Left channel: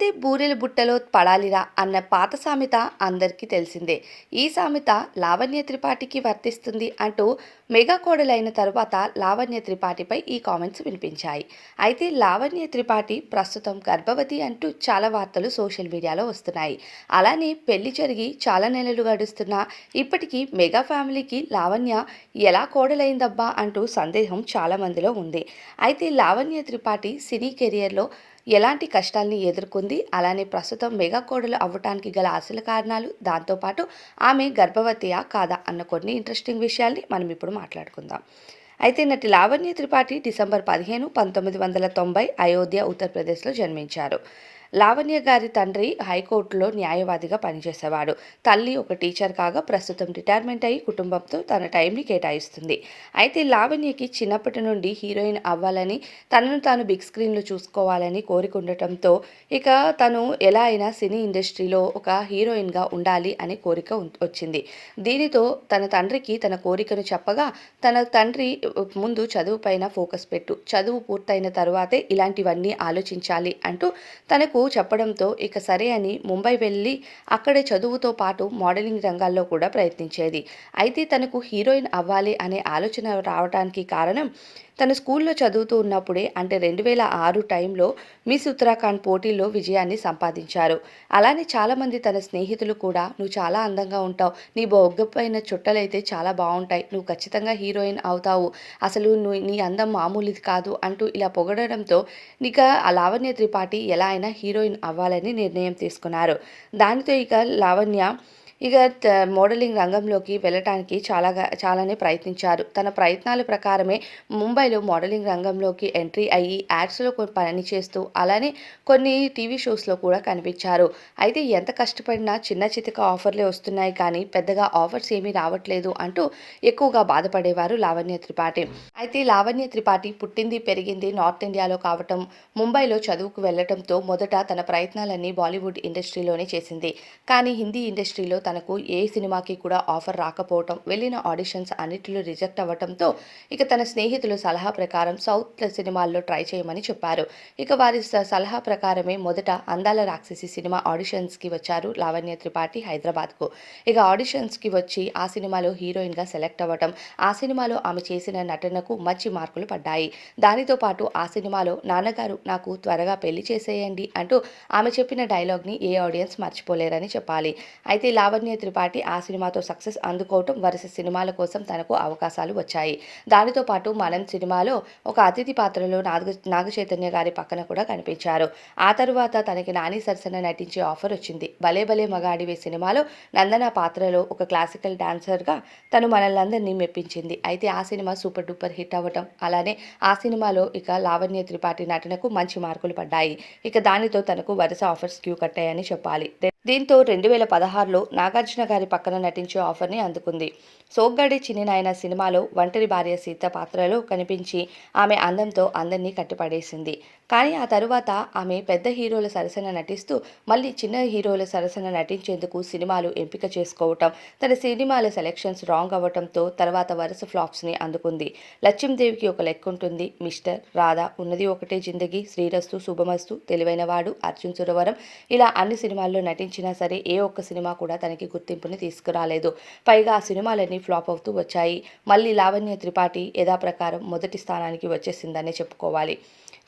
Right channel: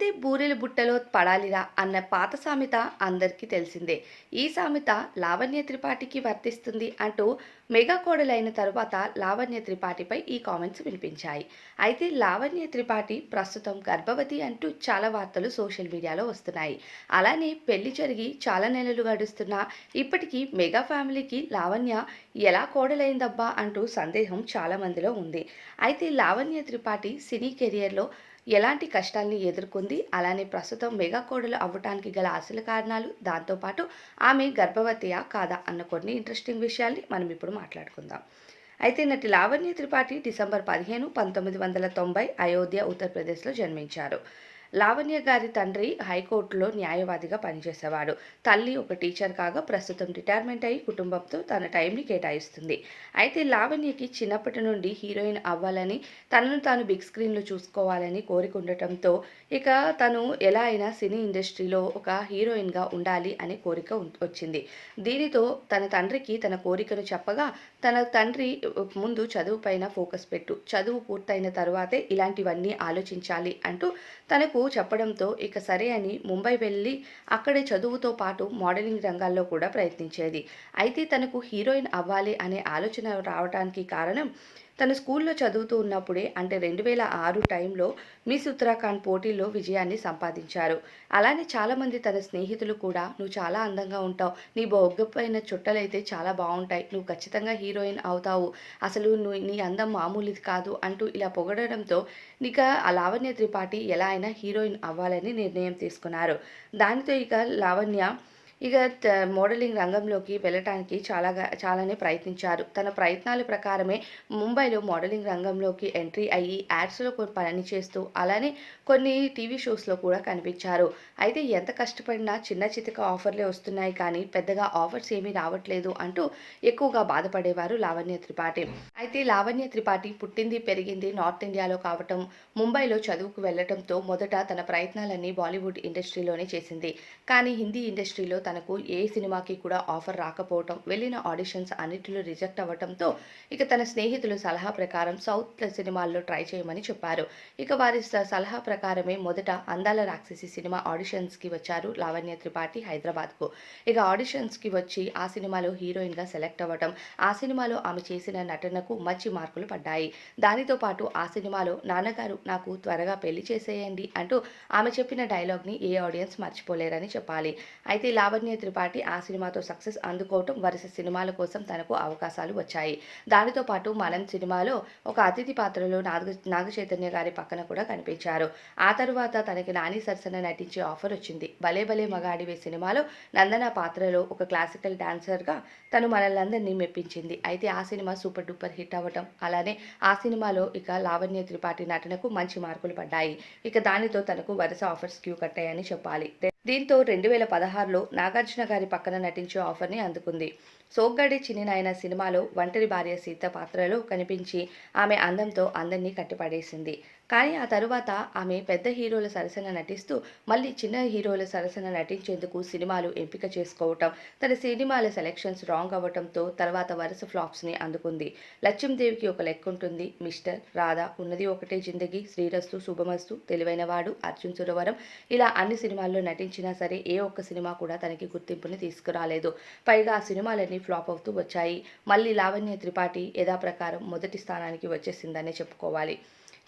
పడితే బూరెల బుట్టలో పడాలిరా అన్న పాత సామెత అందరికీ తెలిసిందే. ఈ సామెత లావణ్య త్రిపాఠికి వర్తిస్తుంది అంటూ మెగా కోడలైన తరువాత లావణ్య త్రిపాఠిపై ఈ కామెంట్స్ వినిపించాయి. అయితే లావణ్య త్రిపాఠి ప్రస్తుతం గర్భవతి అంటూ చాలా వార్తలు సోషల్ మీడియాలో వస్తున్నాయి. అలానే పెళ్ళి జరిగి చాలా నెలలు గడుస్తున్నా ఇప్పటికీ మెగా ఫ్యామిలీకి లావణ్య ఎలా కోడలైందబ్బా అంటూ సందేహం చాలా మందిలో ఉంది. అయితే లావణ్య త్రిపాఠి సినీ కెరియర్లో ఎలాంటి కష్టాల్ని ఎదుర్కొంది? అలానే ప్రస్తుతం మెగా కోడలు అవ్వటానికి గల అసలు కారణాలు? దాంతోపాటు ఆమె గర్భవతియా కాదా? అన్న కొన్ని ఇంట్రెస్టింగ్ విషయాల్ని మనం ఇప్పుడు మాట్లాడుకుందాం. అయితే నటి లావణ్య త్రిపాఠి డిసెంబర్ పదిహేను పంతొమ్మిది వందల తొంభై అయోధ్య ఉత్తరప్రదేశ్లో జన్మించారు. లావణ్య గారి తండ్రి హైకోర్టులో న్యాయవాదిగా పనిచేసేవాడు. తల్లి ఒక టీచర్ కాగా ప్రస్తుతం రిటైర్మెంట్ అయ్యి కుటుంబంతో తన టైంని కేటాయిస్తుంది. అయితే లావణ్యకి చిన్నప్పటి నుండి హీరోయిన్ అవ్వాలని తనను తాను బిగ్ స్క్రీన్లో చూసుకోవాలని కోరిక ఉండటంతో ఇక తను ఎలా అయినా సినీ ఇండస్ట్రీలో ఒక హీరోయిన్గా ఉండాలి అనే కోరిక వచ్చింది. దీనితో తన తండ్రికి తన కోరికను చెప్పగా తన తండ్రి ముందు చదువు పైన ఫోకస్ పెట్టు చదువు పూర్తయిన తర్వాతే ఇలాంటివన్నీ ఆలోచించాలి అంటూ తనకు చెప్పడంతో ఇక సరే అని ముంబై వెళ్ళి అక్కడే చదువుతో పాటు మోడలింగ్ రంగాల్లో కూడా ప్రయత్నించేది. అయితే తనకు హీరోయిన్ అవ్వాలి అనే ఆలోచన రావడానికి కారణం తను స్కూల్లో చదువుతూ ఉన్నప్పుడే అంటే రెండు వేల ఆరు టైంలో మిస్ ఉత్తరాఖండ్ పోటీల్లో విజయాన్ని సంపాదించారు. అలానే చాలామంది తన స్నేహితులు కూడా నువ్వు చాలా అందంగా ఉంటావు నీ బొగ్గపైన చుట్టలైతే చాలా బాగుంటాయి నువ్వు ఖచ్చితంగా హీరోయిన్ అవుతావు అసలు నువ్వు నీ అందం మామూలుది కాదు అంటూ ఇలా పొగడడంతో ఇక ఆ లావణ్య త్రిపాఠి ఎలా అయినా హీరోయిన్ అవ్వాలని నిర్ణయం తీసుకున్నారు. దానితో ఇక లావణ్య ఇక త- మోడలింగ్ రంగంలోకి వెళ్ళటానికి చాలాగా చాలానే ప్రయత్నించారు. తన ప్రయత్నాల ప్రకారమే ముంబైలో మోడలింగ్ రంగంలోకి ఎంట్రీ అయ్యి యాడ్స్లో కొన్ని పని చేస్తూ అలానే కొన్ని టీవీ షోస్లో కూడా కనిపించారు. అయితే ఎంత కష్టపడినా చిన్న చితక ఆఫర్లే వస్తున్నాయి కానీ పెద్దగా ఆఫర్స్ ఏమీ రావట్లేదు అంటూ ఎక్కువగా బాధపడేవారు లావణ్య త్రిపాఠి. అయితే లావణ్య త్రిపాఠి పుట్టింది పెరిగింది నార్త్ ఇండియాలో కావటం ముంబైలో చదువుకు వెళ్ళటంతో మొదట తన ప్రయత్నాలన్నీ బాలీవుడ్ ఇండస్ట్రీలోనే చేసింది. కానీ హిందీ ఇండస్ట్రీలో తనకు ఏ సినిమాకి కూడా ఆఫర్ రాకపోవటం వెళ్ళిన ఆడిషన్స్ అన్నిటిలో రిజెక్ట్ అవ్వటంతో ఇక తన స్నేహితుల సలహా ప్రకారం సౌత్ సినిమాల్లో ట్రై చేయమని చెప్పారు. ఇక వారి సలహా ప్రకారమే మొదట అందాల రాక్షసి సినిమా ఆడిషన్స్కి వచ్చారు లావణ్య త్రిపాఠి హైదరాబాద్కు. ఇక ఆడిషన్స్కి వచ్చి ఆ సినిమాలో హీరోయిన్గా సెలెక్ట్ అవ్వటం ఆ సినిమాలో ఆమె చేసిన నటనకు మంచి మార్కులు పడ్డాయి. దానితో పాటు ఆ సినిమాలో నాన్నగారు నాకు త్వరగా పెళ్ళి చేసేయండి అంటూ ఆమె చెప్పిన డైలాగ్ని ఏ ఆడియన్స్ మర్చిపోలేరని చెప్పాలి. అయితే లావణ్య లావణ్య త్రిపాఠి ఆ సినిమాతో సక్సెస్ అందుకోవటం వరుస సినిమాల కోసం తనకు అవకాశాలు వచ్చాయి. దానితో పాటు మనం సినిమాలో ఒక అతిథి పాత్రలో నాగ నాగ చైతన్య గారి పక్కన కూడా కనిపించారు. ఆ తరువాత తనకి నాని సరసన నటించే ఆఫర్ వచ్చింది. భలే భలే మగాడివే సినిమాలో నందన పాత్రలో ఒక క్లాసికల్ డాన్సర్గా తను మనల్ని మెప్పించింది. అయితే ఆ సినిమా సూపర్ డూపర్ హిట్ అవ్వటం అలానే ఆ సినిమాలో ఇక లావణ్య త్రిపాఠి నటనకు మంచి మార్కులు పడ్డాయి. ఇక దానితో తనకు వరుస ఆఫర్స్ క్యూ కట్టాయని చెప్పాలి. దీంతో రెండు వేల పదహారులో నాగార్జున గారి పక్కన నటించే ఆఫర్ని అందుకుంది. సోగ్గాడి చిన్నినాయన సినిమాలో ఒంటరి భార్య సీత పాత్రలో కనిపించి ఆమె అందంతో అందరినీ కట్టిపడేసింది. కానీ ఆ తరువాత ఆమె పెద్ద హీరోల సరసన నటిస్తూ మళ్ళీ చిన్న హీరోల సరసన నటించేందుకు సినిమాలు ఎంపిక చేసుకోవటం తన సినిమాల సెలెక్షన్స్ రాంగ్ అవ్వటంతో తర్వాత వరుస ఫ్లాప్స్ని అందుకుంది. లక్ష్మీదేవికి ఒక లెక్క ఉంటుంది మిస్టర్ రాధా ఉన్నది ఒకటే జిందగీ. శ్రీరస్తు శుభమస్తు తెలివైనవాడు అర్జున్ సురవరం. ఇలా అన్ని సినిమాల్లో నటించినా సరే ఏ ఒక్క సినిమా కూడా తనకి గుర్తింపుని తీసుకురాలేదు. పైగా ఆ సినిమాలన్నీ ఫ్లాప్ అవుతూ వచ్చాయి. మళ్ళీ లావణ్య త్రిపాఠి యథాప్రకారం మొదటి స్థానానికి వచ్చేసిందనే చెప్పుకోవాలి.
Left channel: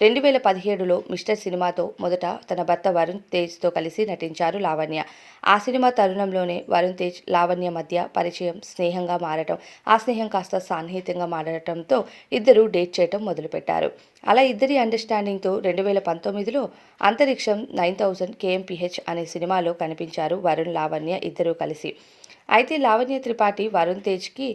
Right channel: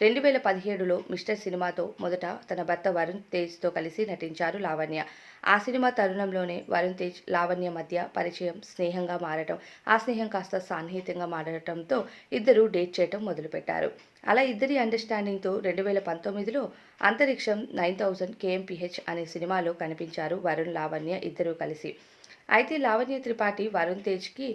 రెండు వేల పదిహేడులో మిస్టర్ సినిమాతో మొదట తన భర్త వరుణ్ తేజ్తో కలిసి నటించారు లావణ్య. ఆ సినిమా తరుణంలోనే వరుణ్ తేజ్ లావణ్య మధ్య పరిచయం స్నేహంగా మారటం ఆ స్నేహం కాస్త సాన్నిహిత్యంగా మారటంతో ఇద్దరు డేట్ చేయటం మొదలుపెట్టారు. అలా ఇద్దరి అండర్స్టాండింగ్తో రెండు వేల పంతొమ్మిదిలో అంతరిక్షం నైన్ థౌజండ్ కేఎంపిహెచ్ అనే సినిమాలో కనిపించారు వరుణ్ లావణ్య ఇద్దరూ కలిసి. అయితే లావణ్య త్రిపాఠి వరుణ్ తేజ్కి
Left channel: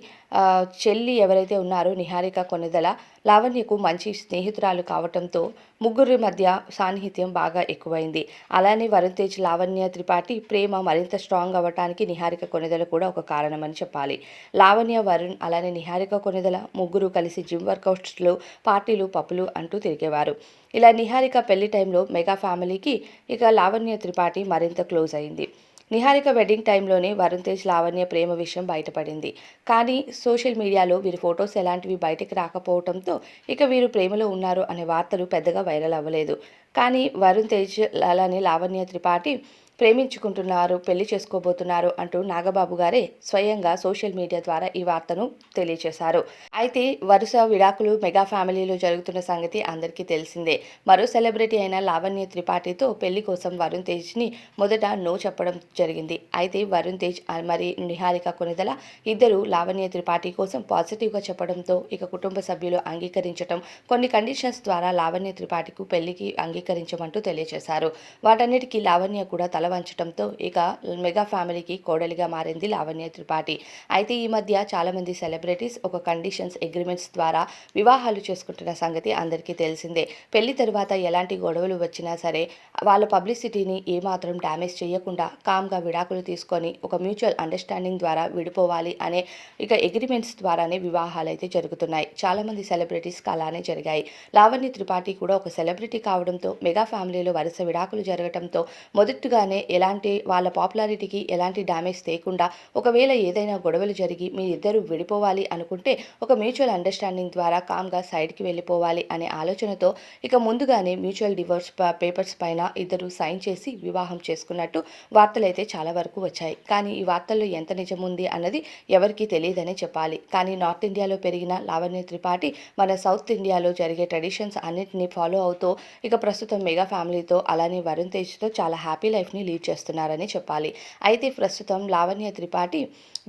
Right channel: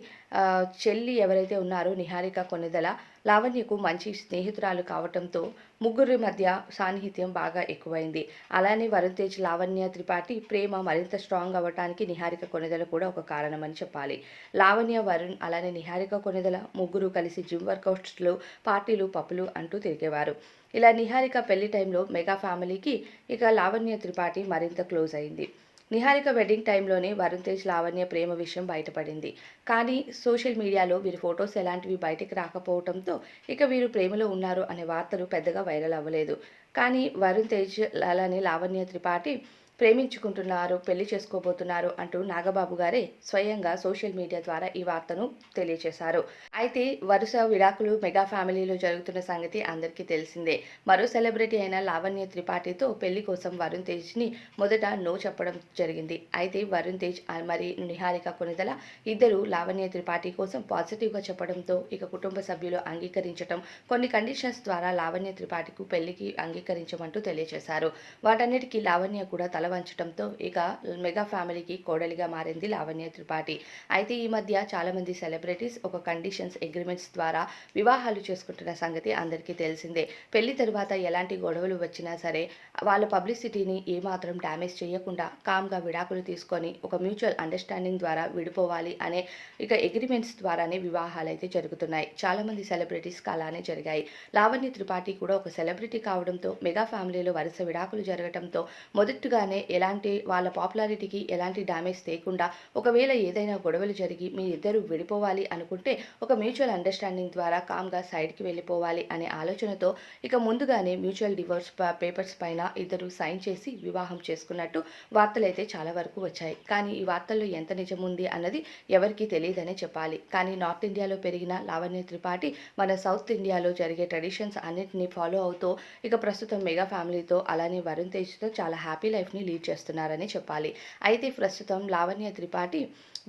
చెల్లి ఎవరైతే ఉన్నారో నిహారిక కొనిదల లావణ్యకు మంచి స్నేహితురాలు కావటంతో ముగ్గురి మధ్య సాన్నిహిత్యం బాగా ఎక్కువైంది. అలానే వరుణ్ తేజ్ లావణ్య త్రిపాఠి ప్రేమ మరింత స్ట్రాంగ్ అవ్వటానికి నిహారిక కొనిదల కూడా ఒక కారణమని చెప్పాలి. లావణ్య వరుణ్ అలానే నిహారిక కొనిదల ముగ్గురు కలిసి జిమ్ వర్కౌట్స్లు పార్టీలు పప్పులు అంటూ తిరిగేవారు. ఇలా నిహారిక పెళ్ళి టైంలో మెగా ఫ్యామిలీకి ఇక లావణ్య త్రిపాఠి మరింత క్లోజ్ అయింది. నిహారిక వెడ్డింగ్ టైంలోనే వరుణ్ తేజ్ లావణ్య ప్రేమ విషయం బయటపడింది. కానీ సోషల్ మీడియాలో వీరి ఫొటోస్ ఎలాంటివి బయటకు రాకపోవడంతో ఇక వీరు ప్రేమలో ఉన్నారు అనే వార్తలు పెద్దగా వైరల్ అవ్వలేదు. కానీ వరుణ్ తేజ్ అలానే లావణ్య త్రిపాఠి ప్రేమించుకుంటున్నారు పెళ్ళి చేసుకోబోతున్నారు అంటూ నాగబాబు గారే స్వయంగా సోషల్ మీడియా ద్వారా ఈ వార్తను తెలియజేశారు అయితే వరుస విడాకులు మెగా ఫ్యామిలీలో జరుగుతున్న సంగతి అందరికీ తెలిసిందే. మరో సెలబ్రిటీ అయిన లావణ్య త్రిపాఠితో పెళ్ళి కోసం వరుణ్ తేజ్ని మొదట నో చెప్పడం జరిగింది. అయితే వరుణ్ తేజ్ మరి నిహారిక కొనిదల ఇద్దరు లావణ్య త్రిపాఠి కోసం పాజిటివ్గా చెప్పడంతో ఇక కుటుంబ సభ్యులు అంగీకరించడం కొన్ని కండిషన్స్ ద్వారా లావణ్య త్రిపాఠికు పెళ్ళికి అంగీకరించమంటూ తెలియజేశారు వాటన్నిటికీ లావణ్య కూడా తల వంచడంతో ఇక మెగా ఫ్యామిలీకి కోడలిగా మారింది లావణ్య త్రిపాఠి. అయితే ఈ మధ్య చాలామంది సెలబ్రిటీస్ ఒక కండిషన్స్ అగ్రిమెంట్స్ ద్వారా వివాహాలు చేసుకుంటున్న సంగతి అందరికీ తెలిసిందే. పెళ్ళి తర్వాత ఎలాంటి గొడవలు వచ్చినా సరే వాళ్ళ పబ్లిసిటీని ఏమాత్రం డ్యామేజ్ చేయకుండా కామ్గా విడాకులు తీసుకొని ఒక మ్యూచువల్ అండర్స్టాండింగ్ ద్వారా విడిపోవాలి అనే ఇక అగ్రిమెంట్స్ ద్వారానే వివాహాలు అయితే జరుగుతున్నాయి. చాలామంది సెలబ్రిటీస్కి అలానే జరిగాయి. లావణ్య త్రిపాఠి కూడా ఒక సెలబ్రిటీ కావడంతో మెగా ఫ్యామిలీలో వరుస విడాకులు జరగడంతో మొదటిగానే ఎలాంటి వాళ్ళ పాపులారిటీకి ఎలాంటి డ్యామేజ్ తేకుండా ఒకవేళ ఏదైనా గొడవలు జరిగి మీ ఇద్దరు విడిపోవాలి అనుకుంటే ఒక మ్యూచువల్ అండర్స్టాండింగ్ ద్వారా కామ్గా సైడ్కి వెళ్ళిపోవాలి అనే ఆలోచనతో ఇక ముందుగానే మ్యూచువల్ డివోర్స్ పేపర్స్ పైన ఇద్దరు సైన్ చేసి వివాహం చేసుకున్నట్టు వార్తలు అయితే చాలా వరకు వచ్చాయి. కానీ ఈ వార్తల్లో ఎంత నిజం ఉంది అన్నది ఎవరికీ తెలియదనే చెప్పాలి. కానీ నార్త్ ఇండియాలో పెరిగిన లావణ్య త్రిపాఠి మన సౌత్ ఇండియాలో జరిగే ట్రెడిషన్స్ అన్నింటినీ ఫాలో అవుతూ ఇక ప్రస్తుతం మెగా ఫ్యామిలీతో అలానే వరుణ్ తేజ్తో చాలా హ్యాపీ లైఫ్ని లీడ్ చేస్తున్నారని చెప్పాలి. అయితే ప్రస్తుతం లావణ్య త్రిపాఠి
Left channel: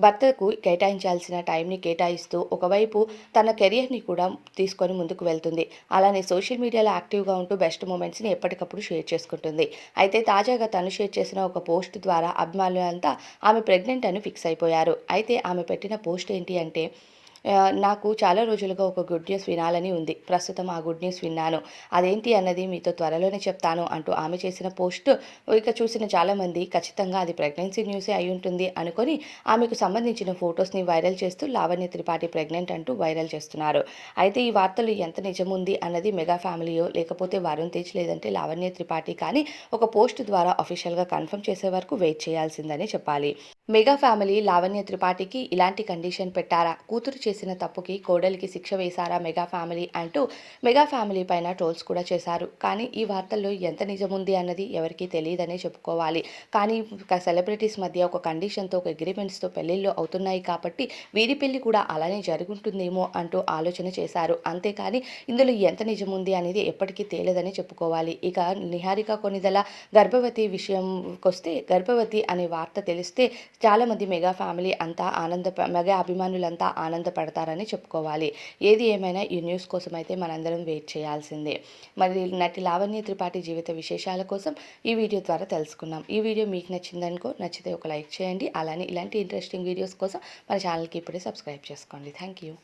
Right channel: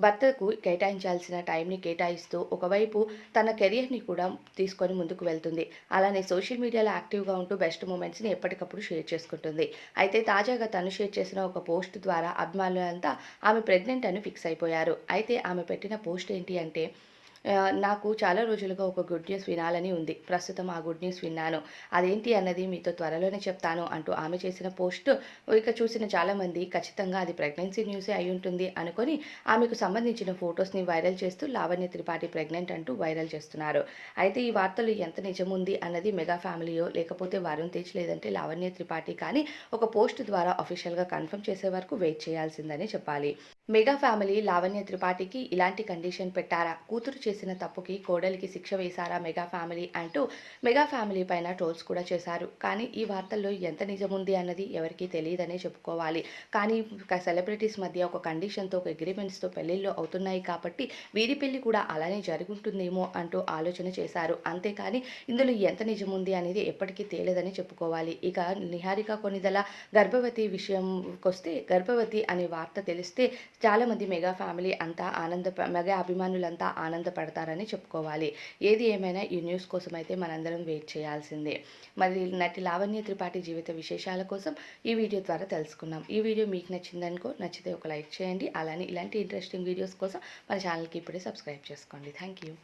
భర్తకు కేటాయించాల్సిన టైంని కేటాయిస్తూ ఒకవైపు తన కెరియర్ని కూడా తీసుకొని ముందుకు వెళ్తుంది. అలానే సోషల్ మీడియాలో యాక్టివ్గా ఉంటూ బెస్ట్ మూమెంట్స్ని ఎప్పటికప్పుడు షేర్ చేసుకుంటుంది. అయితే తాజాగా తను షేర్ చేసిన ఒక పోస్ట్ ద్వారా అభిమానులంతా ఆమె ప్రెగ్నెంట్ అని ఫిక్స్ అయిపోయారు. అయితే ఆమె పెట్టిన పోస్ట్ ఏంటి అంటే నాకు చాలా రోజులుగా ఒక గుడ్ న్యూస్ వినాలని ఉంది. ప్రస్తుతం ఆ గుడ్ న్యూస్ విన్నాను. అదేంటి అన్నది మీతో త్వరలోనే చెప్తాను అంటూ ఆమె చేసిన పోస్ట్ ఇక చూసిన చాలామంది ఖచ్చితంగా అది ప్రెగ్నెన్సీ న్యూసే అయి ఉంటుంది అనుకొని ఆమెకు సంబంధించిన ఫొటోస్ని వైరల్ చేస్తూ లావణ్య త్రిపాఠి ప్రెగ్నెంట్ అంటూ వైరల్ చేస్తున్నారు. అయితే ఈ వార్తలు ఎంత నిజముంది అన్నది మెగా ఫ్యామిలీయో లేకపోతే వరుణ్ తేజ్ లేదంటే లావణ్య త్రిపాఠి కానీ ఒక పోస్ట్ ద్వారా అఫీషియల్గా కన్ఫర్మ్ చేసే వరకు వెయిట్ చేయాల్సిందని చెప్పాలి. మెగా ఫ్యామిలీ లావణ్య త్రిపాఠికి ఇలాంటి కండిషన్ పెట్టారా? కూతురు చేసిన తప్పుకి కోడలికి శిక్ష వేశారా మెగా ఫ్యామిలీ అంటూ మెగా ఫ్యామిలీ పైన ట్రోల్స్ కూడా చేశారు. కానీ ఈ వార్తల్లో ఎంత నిజముంది అన్నది ఎవరికీ తెలియదనే చెప్పుకోవాలి. కానీ సెలబ్రిటీస్ మధ్య ఒక కండిషన్తో ఒక అగ్రిమెంట్స్తో పెళ్ళిళ్ళు అవుతున్నాయి కాబట్టి వీరి పెళ్ళి కూడా అలానే జరుగుంటుందేమో అంటూ ఆలోచన చేశారు. అంతేకాని ఇందులో ఎంత నిజముంది అనేది ఎప్పటికీ తేలేదని చెప్పుకోవాలి. ఇక నిహారిక కొనిదల గర్భవతి విషయంకొస్తే గర్భవతి అనే వార్త తెలిస్తే చాలామంది మెగా ఫ్యామిలీ అంతా ఆనంద మెగా అభిమానులంతా పడతారని చెప్పుకోవాలి. ఏది ఏమైనా ఈ న్యూస్ కోసం అయితే మనందరం వెయిట్ చేయాల్సిందే. మరి నటి లావణ్య త్రిపాఠి జీవిత విశేషాల కోసం ఈ వీడియో ద్వారా తెలుసుకున్నాం. ఈ వీడియో మీకు నచ్చిందనుకో నచ్చితే ఒక లైక్ చేయండి. అలానే ఇలాంటి ఇంట్రెస్టింగ్ వీడియోస్ కోసం మన ఛానల్కి ఇప్పుడే సబ్స్క్రైబ్ చేసుకోండి. Thank you